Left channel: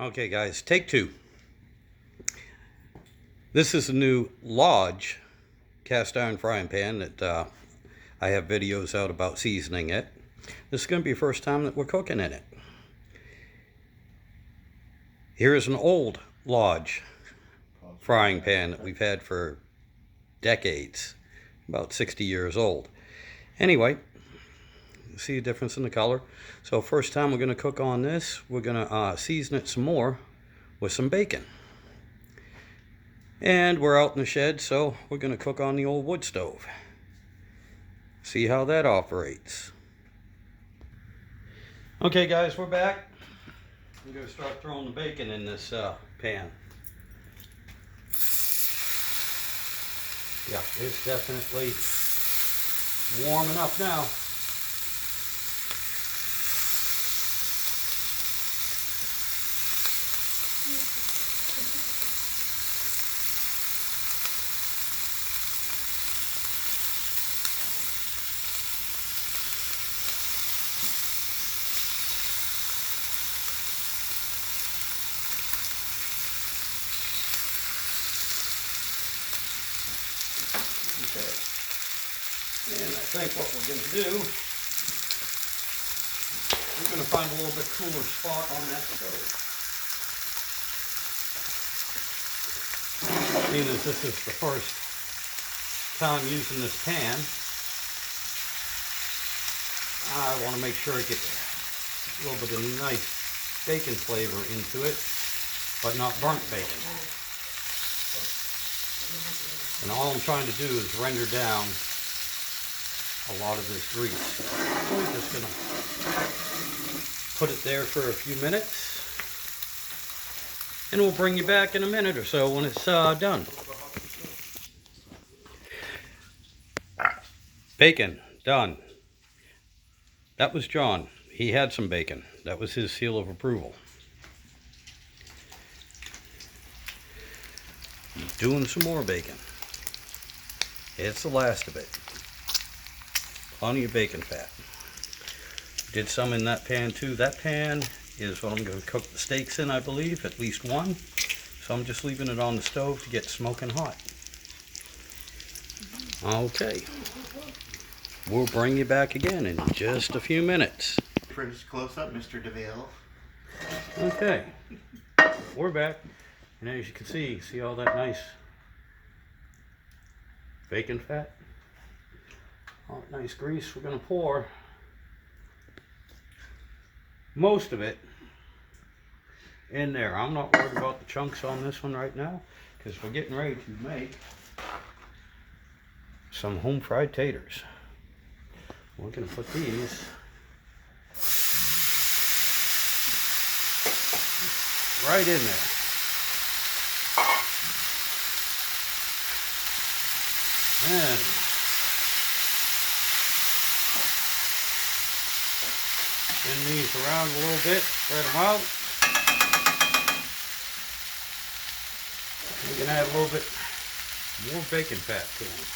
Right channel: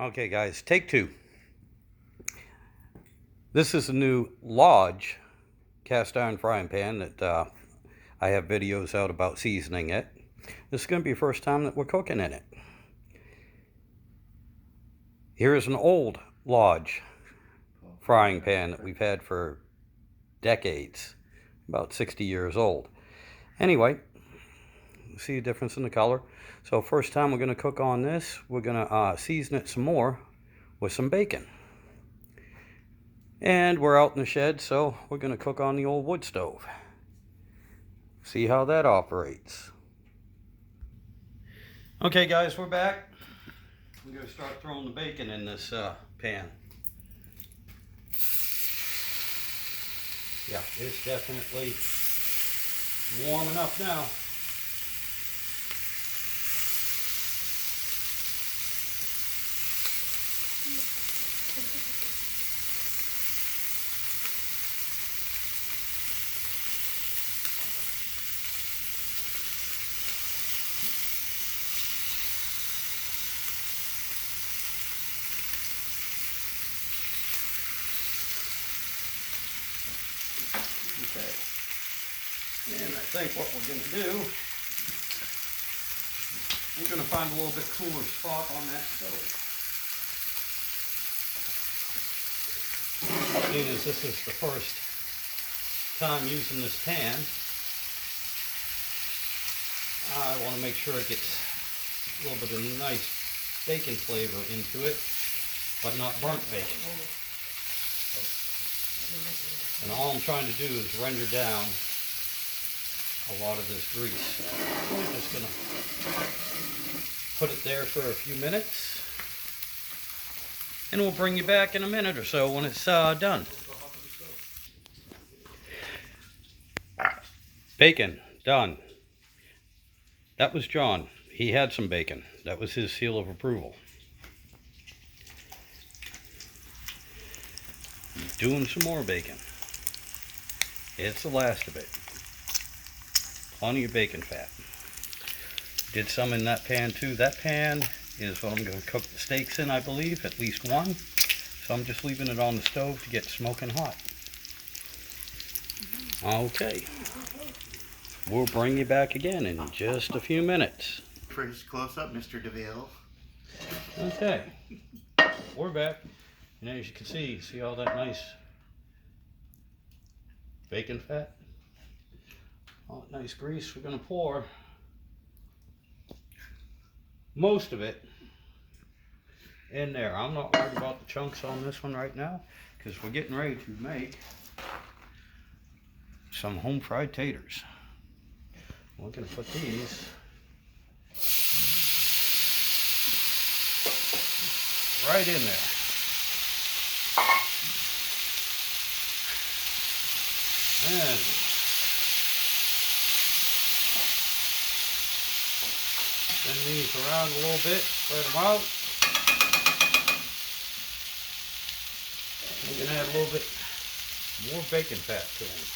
Okay guys, take two. This is a new Lodge cast iron frying pan that I have videos out about seasoning it. This is going to be the first time that we're cooking in it. Here is an old Lodge frying pan that we've had for decades, about 60 years old. Anyway, see a difference in the color. So first time we're going to cook on this, we're going to season it some more with some bacon. And we're out in the shed, so we're going to cook on the old wood stove. See how that operates. Okay guys, we're back. I'm going to start throwing the bacon in this pan. Yeah, it's definitely warm enough now. Okay. And I think what we're going to do, we're going to find a little bit cooler spot on that stove. Seeing as this is the first time using this pan, I want to make sure it gets a little bit of nice bacon flavor into it, but not burnt bacon. And all I'm trying to do is render down a lot of this grease. So we're just going to put it there for a few minutes, and we'll bring you back in a minute or so when it's done. Bacon, done. That was John. He had some bacon. That was his seal of approval. Doing some more bacon. It's the last of it. Plenty of bacon fat. Did some in that pan too. That pan is what I'm going to cook the steaks in, I believe, at least one. So I'm just leaving it on the stove to get smoking hot. Okay. We'll bring you back again in just a few minutes. First close up, Mr. DeVille. Okay. We're back. And as you can see all that nice bacon fat? All that nice grease. We're going to pour most of it in there. I'm not worried about the chunks on this one right now, because we're getting ready to make some home fried taters. We're going to put these right in there. And spin these around a little bit, spread them out. We can add a little bit more bacon fat to them.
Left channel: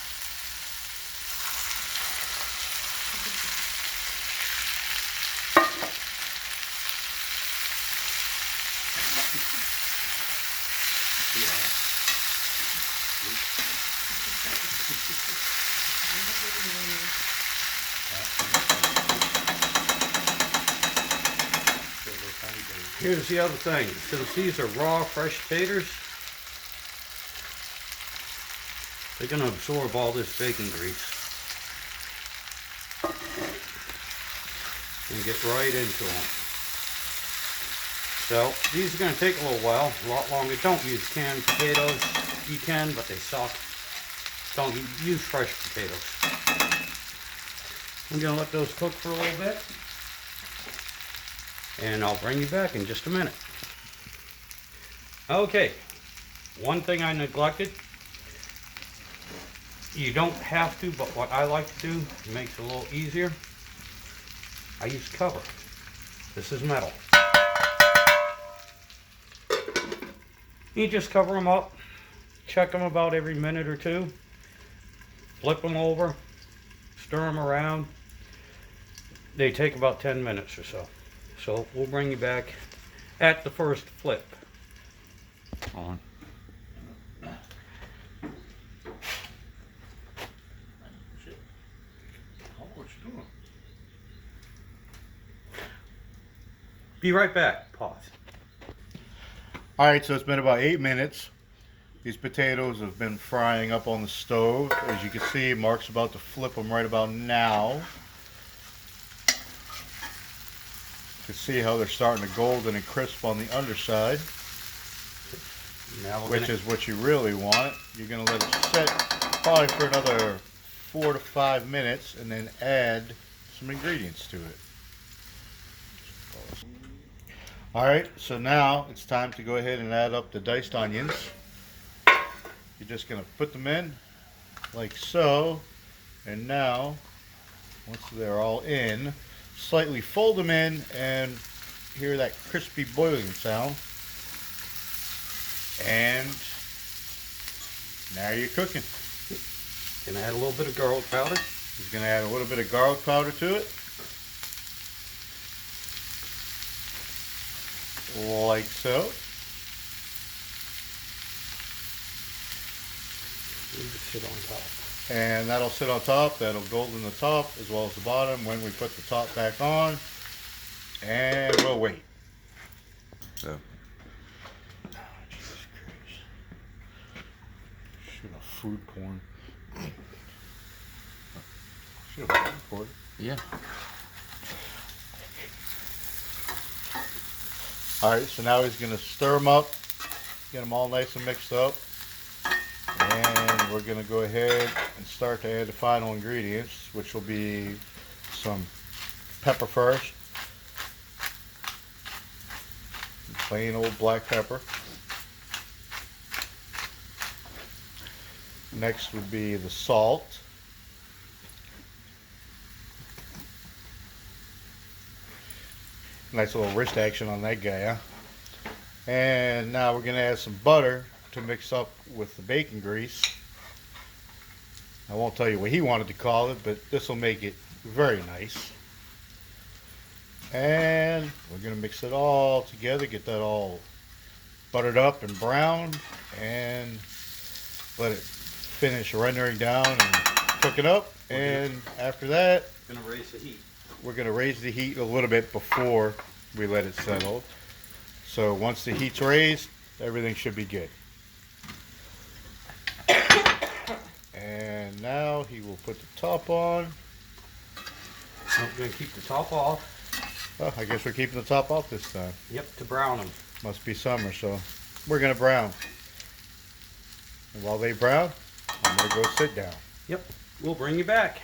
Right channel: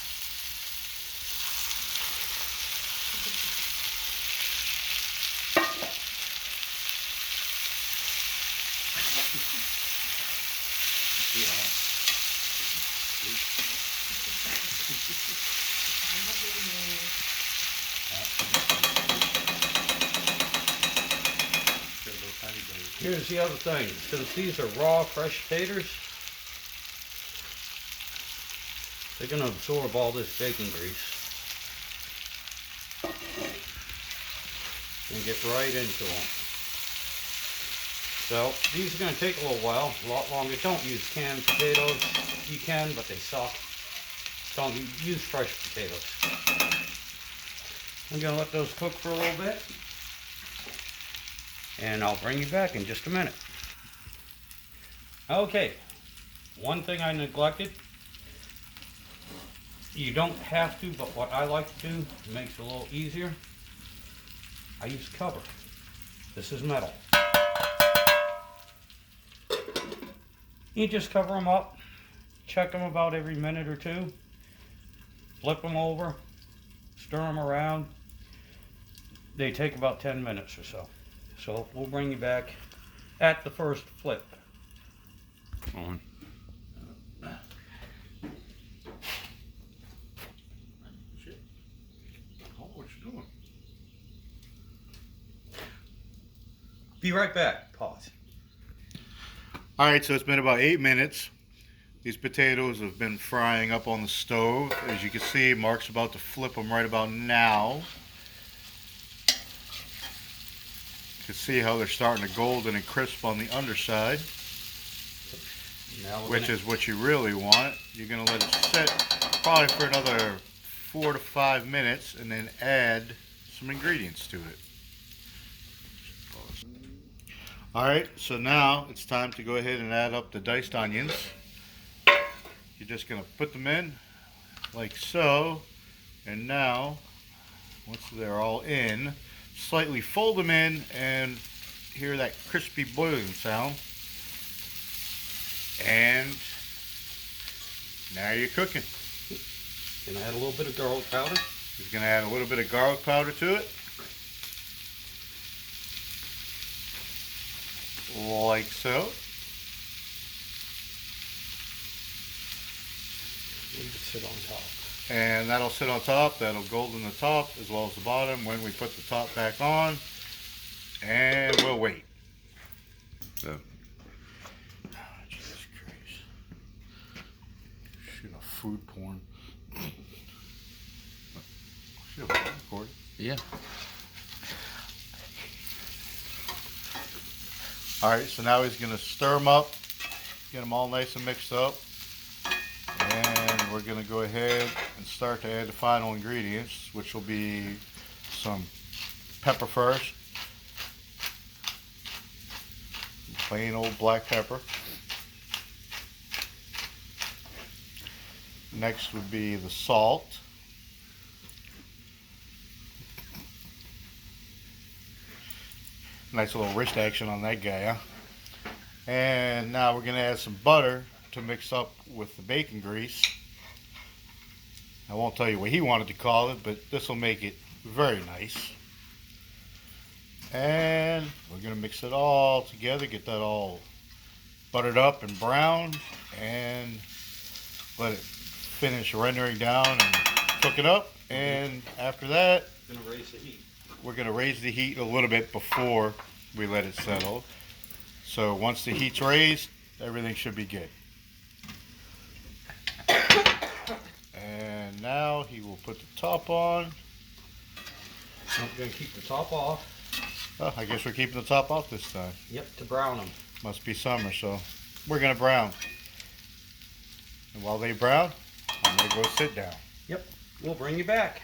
Here's the other thing. Since these are raw, fresh taters, they're going to absorb all this bacon grease and get right into them. So these are going to take a little while, a lot longer. Don't use canned potatoes. You can, but they suck. Don't use fresh potatoes. I'm going to let those cook for a little bit, and I'll bring you back in just a minute. Okay, one thing I neglected. You don't have to, but what I like to do, it makes it a little easier. I use cover. This is metal. You just cover them up, check them about every minute or two, flip them over, stir them around. They take about 10 minutes or so. So we'll bring you back at the first flip. On. Shit. Oh, what you doing? Be right back. Pause. Alright, so it's been about 8 minutes. These potatoes have been frying up on the stove. As you can see, Mark's about to flip them right about now. You can see how they're starting to golden and crisp on the underside, Now we're which gonna- is what you really want. You're going to let it sit probably for another 4 to 5 minutes and then add some ingredients to it. Alright, so now it's time to go ahead and add up the diced onions. You're just going to put them in like so, and now once they're all in, slightly fold them in and hear that crispy boiling sound, and now you're cooking. Gonna add a little bit of garlic powder. He's going to add a little bit of garlic powder to it, like so. Leave it sit on top. And that'll sit on top. That'll golden the top as well as the bottom when we put the top back on, and we'll wait. So, Jesus Christ. Shoot, a food porn. Shoot, a food porn. yeah. Alright, so now he's going to stir them up, get them all nice and mixed up, and we're going to go ahead and start to add the final ingredients, which will be some pepper first, plain old black pepper. Next would be the salt. Nice little wrist action on that guy, huh? And now we're going to add some butter to mix up with the bacon grease. I won't tell you what he wanted to call it, but this will make it very nice. And we're going to mix it all together, get that all buttered up and browned, and let it finish rendering down and cook it up. And after that, Gonna raise the heat. we're going to raise the heat a little bit before we let it settle. So once the heat's raised, everything should be good. And now he will put the top on. I'm gonna keep the top off. Oh, I guess we're keeping the top off this time. Yep, to brown them. Must be summer, so we're going to brown. And while they brown, I'm going to go sit down. Yep, we'll bring you back.